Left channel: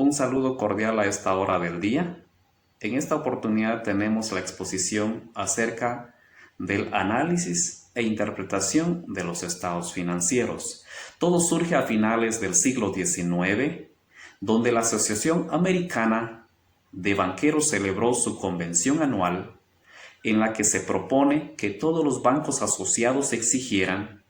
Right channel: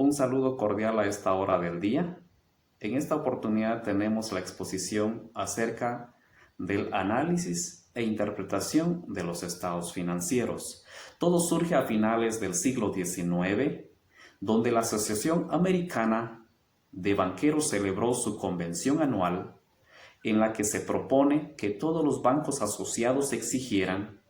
Un saludo cordial a esta hora del día. En esta oportunidad tenemos la exposición acerca del análisis e interpretación de los estados financieros. Todo surge a finales del siglo XIX, donde la Asociación Americana de Banqueros celebró su convención anual en la que se propone que todos los bancos asociados exigieran,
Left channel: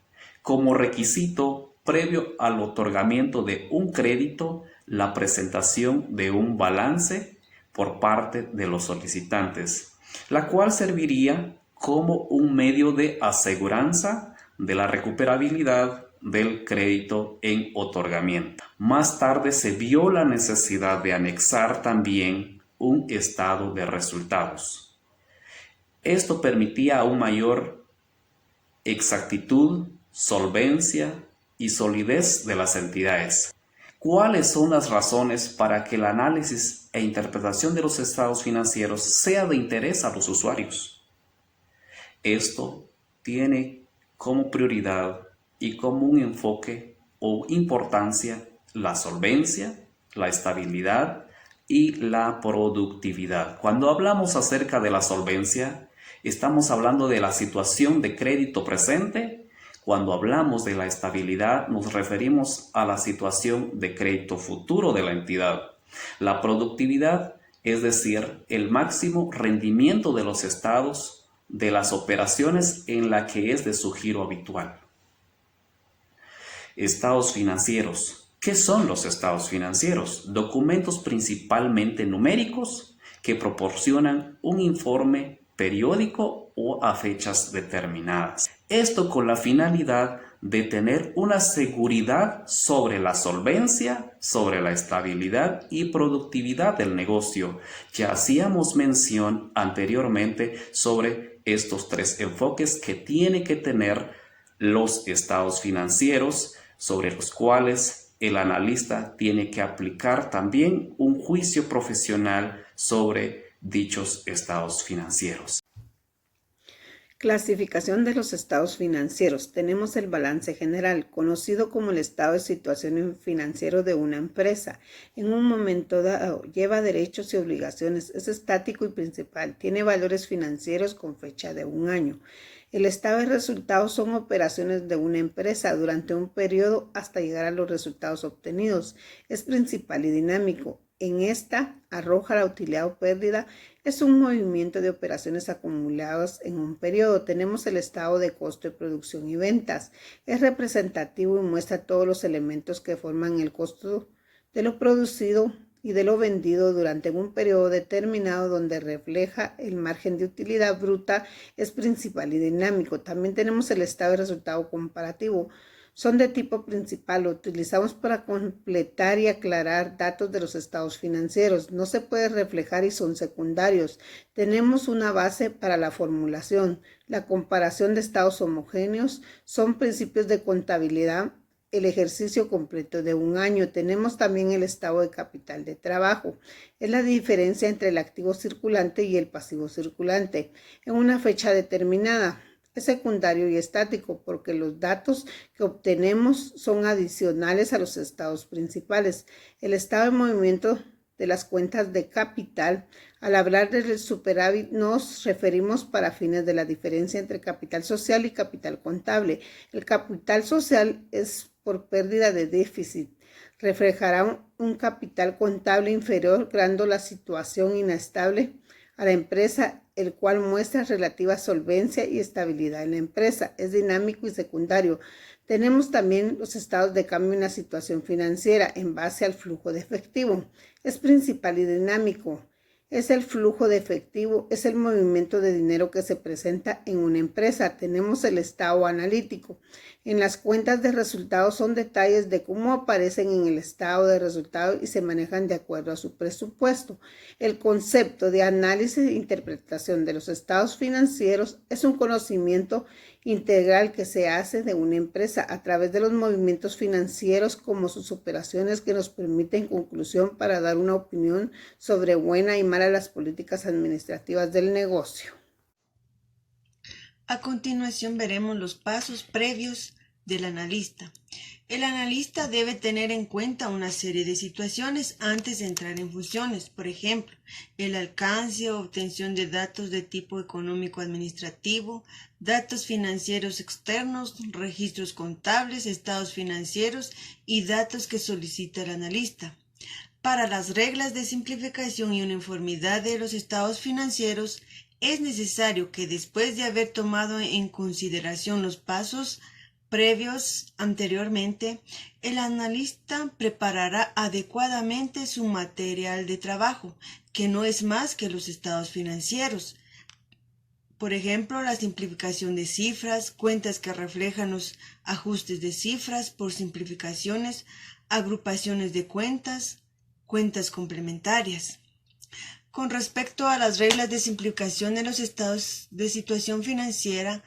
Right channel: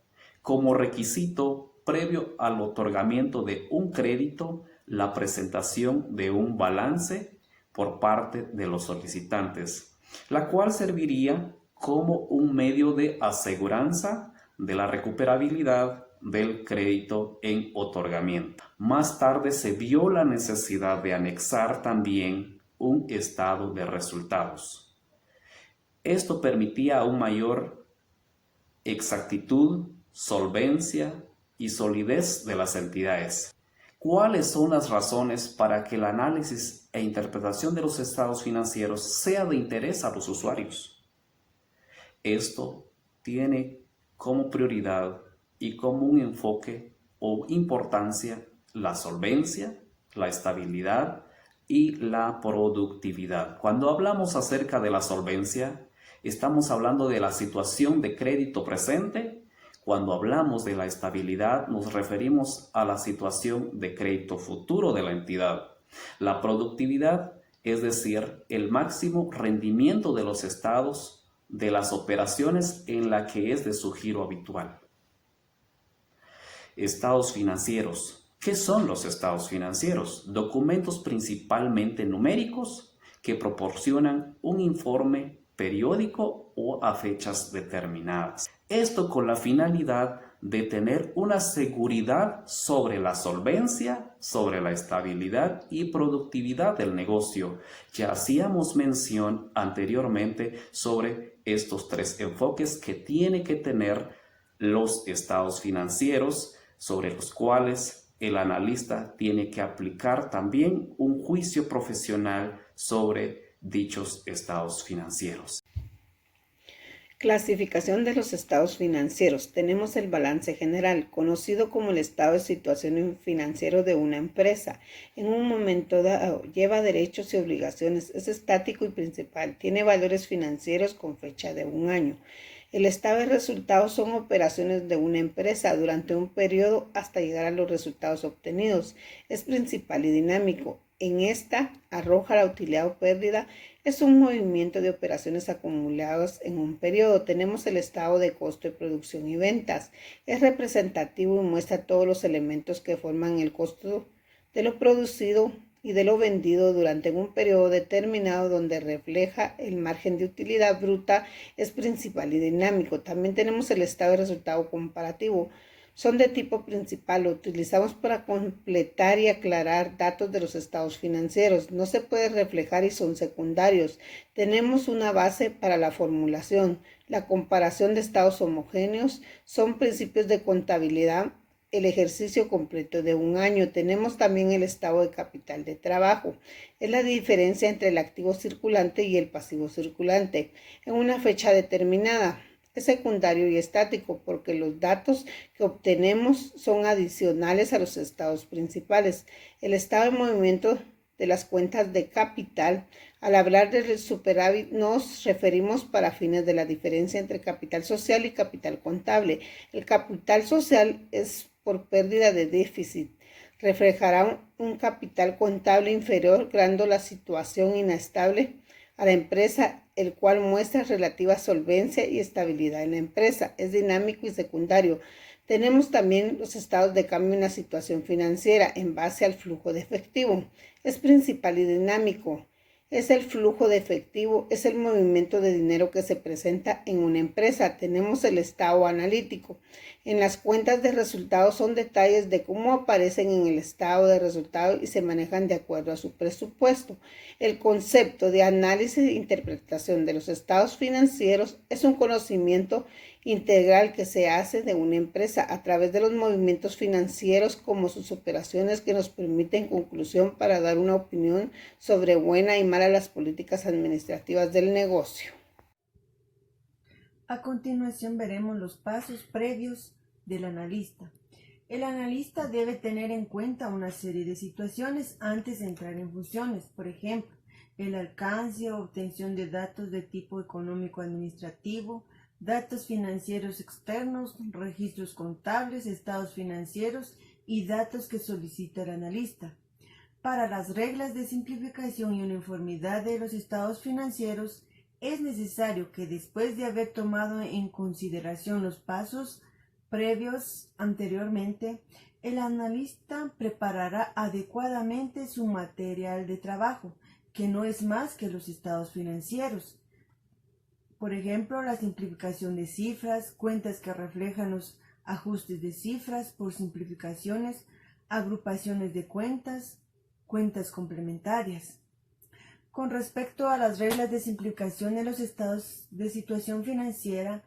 como requisito previo al otorgamiento de un crédito, la presentación de un balance por parte de los solicitantes, la cual serviría como un medio de aseguranza de la recuperabilidad del crédito en otorgamiento. Más tarde se vio la necesidad de anexar también un estado de resultados. Esto permitía aún mayor exactitud, solvencia y solidez de las entidades. ¿Cuáles son las razones para que el análisis e interpretación de los estados financieros sea de interés a los usuarios? Esto tiene como prioridad y como un enfoque o importancia la solvencia, la estabilidad y la productividad. Cuando hablamos acerca de la solvencia, estamos hablando de la situación de crédito presente. Cuando hablamos de la estabilidad, nos referimos a la situación de crédito futuro de la entidad. La productividad, es decir, el máximo rendimiento de los estados de las operaciones en la que es de su giro habitual. Estados financieros. ¿Qué son los estados financieros? Documentos principalmente numéricos que proporcionan un informe periódico o a fechas determinadas. Esto con la finalidad de tener una seguridad sobre la solvencia, sobre la estabilidad y productividad del negocio. Ya hacíamos mención anteriormente sobre estos tres enfoques que tiene que tener los estados financieros, sobre los cuales el analista tiene que aplicar también un juicio profesional sobre dichos estados financieros. Clasificación de los estados financieros. Tenemos el balance general, conocido como el estado de situación financiero de una empresa. En un momento dado, lleva derechos y obligaciones, es estático y principal, tiene valores financieros con fecha de un año. El estado de resultados son operaciones de una empresa durante un periodo hasta llegar a los resultados obtenidos. Es principal y dinámico. En esta arroja la utilidad o pérdida. Es un movimiento de operaciones acumuladas en un periodo. Tenemos el estado de costo de producción y ventas. Es representativo y muestra todos los elementos que forman el costo de lo producido y de lo vendido durante un periodo determinado, donde refleja el margen de utilidad bruta. Es principal y dinámico. También tenemos el estado de resultado comparativo. Son de tipo principal, lo utilizamos para completar y aclarar datos de los estados financieros. No se puede reflejar y son secundarios. Tenemos una base para la formulación. La comparación de estados homogéneos son principios de contabilidad. El ejercicio completo de un año. Tenemos también el estado de capital de trabajo. Es la diferencia entre el activo circulante y el pasivo circulante en una fecha determinada. Es secundario y estático porque los datos que obtenemos son adicionales a los estados principales. El estado de movimiento de las cuentas de capital. Al hablar del superávit nos referimos para fines de la diferencia entre capital social y capital contable. El capital social es por pérdida de déficit. Reflejará un capital contable inferior, creando la situación inestable a la empresa, el cual muestra relativa solvencia y estabilidad en la empresa. Es dinámico y secundario. Tenemos también los estados de cambio en la situación financiera en base al flujo de efectivo. Es principal y dinámico. Es el flujo de efectivo, es el movimiento de dinero que se presenta en una empresa. Tenemos el estado analítico. En las cuentas de resultados son detalles de cómo aparecen en el estado de resultados y se manejan de acuerdo a su presupuesto. El concepto de análisis e interpretación de los estados financieros es un conocimiento integral que se hace de una empresa a través de los movimientos financieros como sus operaciones, que nos permiten conclusión para dar una opinión sobre buena y mala las políticas administrativas del negocio. A continuación veremos los pasos previos del analista. El analista debe tener en cuenta una serie de situaciones antes de entrar en funciones, por ejemplo, el alcance o obtención de datos de tipo económico-administrativo, datos financieros externos, registros contables, estados financieros y datos que solicita el analista. Para las reglas de simplificación y uniformidad de los estados financieros, es necesario que después de haber tomado en consideración los pasos previos anteriormente, el analista preparará adecuadamente su material de trabajo, que no es más que los estados financieros. Por ejemplo, la simplificación de cifras, cuentas que reflejan los ajustes de cifras por simplificaciones, agrupaciones de cuentas, cuentas complementarias. Con respecto a las reglas de simplificación de los estados de situación financiera,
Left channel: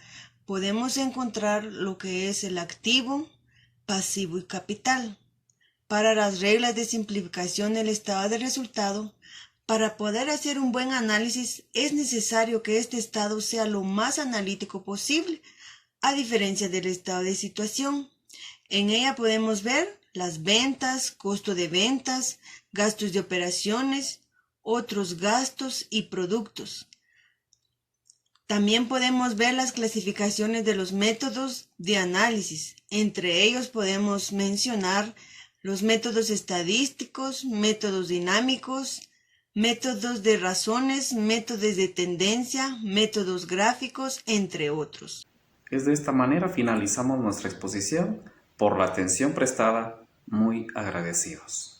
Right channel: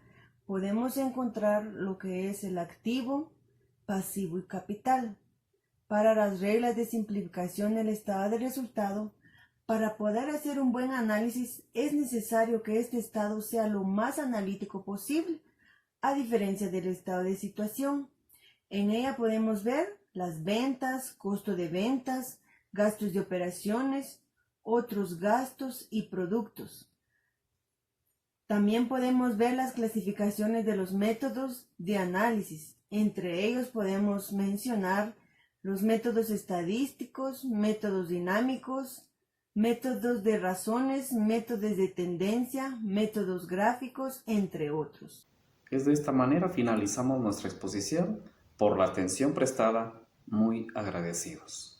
podemos encontrar lo que es el activo, pasivo y capital. Para las reglas de simplificación del estado de resultado, para poder hacer un buen análisis es necesario que este estado sea lo más analítico posible, a diferencia del estado de situación. En ella podemos ver las ventas, costo de ventas, gastos de operaciones, otros gastos y productos. También podemos ver las clasificaciones de los métodos de análisis. Entre ellos podemos mencionar los métodos estadísticos, métodos dinámicos, métodos de razones, métodos de tendencia, métodos gráficos, entre otros. Es de esta manera finalizamos nuestra exposición. Por la atención prestada, muy agradecidos.